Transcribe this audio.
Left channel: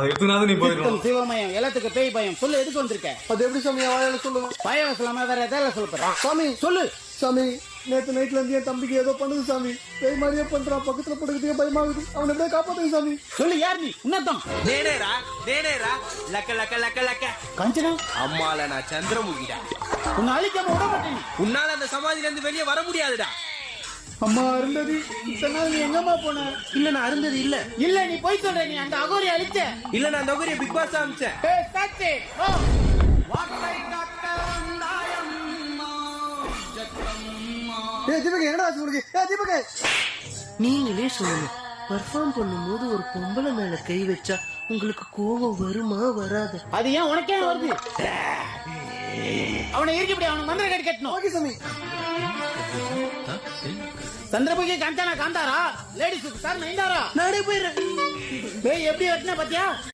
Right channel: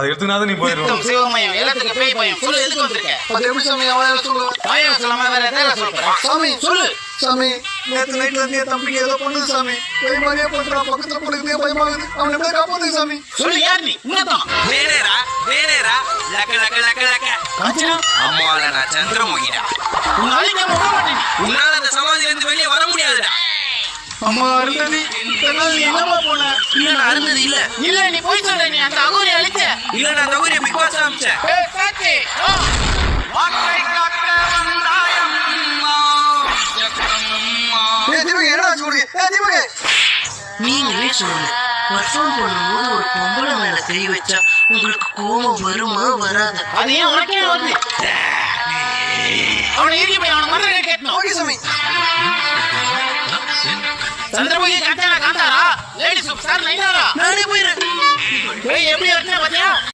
அதை எடுத்துனாதான் நீ போயிடும். சிவமயம் வேலத்துக்கு போய் பையன் சொல்லு, எதுக்கு வந்திருக்க? அது எப்படி சாமி அவன் சொல்லு? பையன் சொல்லாம வேற ஏதாவது சொல்றா? சாமி சொல்லு சாமி, நேற்று நைட்ல இருந்து என் தம்பிக்கு ஏதோ பண்ணுது சாமி. போய் மாதிரியே பண்றான், பக்கத்துல போடுறதே பயமாகுது. அவன் என்ன காப்பாத்து சாமி. சொல்லு, யார் நீ? உன்னதான் வேறேரா லக்க லக்க லக்க லக்க காஞ்சனா அம்மால நான் சந்திரமுகிடா. உன்னை அழிக்க விட மாட்டேன். உன்னால அந்த சமாதியில இருந்து வெளியே வர முடியாதுடா. அம்மா அருந்ததி, இத்தனை நாள் நீ எங்கம்மா போன? இல்ல நான் அருந்தது இல்ல. இல்ல நீ போய் சொல்ற, நீ அந்த அகோரி அழிச்ச. இல்ல நான் ரகுரி பிக் பாஸ் ஆரம்பிச்சேன். சாத்தி நீங்களே சொல்லுங்க, பர்ஃபார்ம் பண்ணும்போது ஒரு பொம்பளை மேல கை வச்சா உங்களுக்கு கோபம் வருமா வராது? அது ஏன் உனக்கே வருது? அவனை ஏறி போய் அவனை மண்டை கட்டணும். ஓகே சாமி. Chandramukhi Kantara lady super star Nayanthara நானே போயிடுறேன். போய் எப்படி எடுத்துனா பாத்தியா?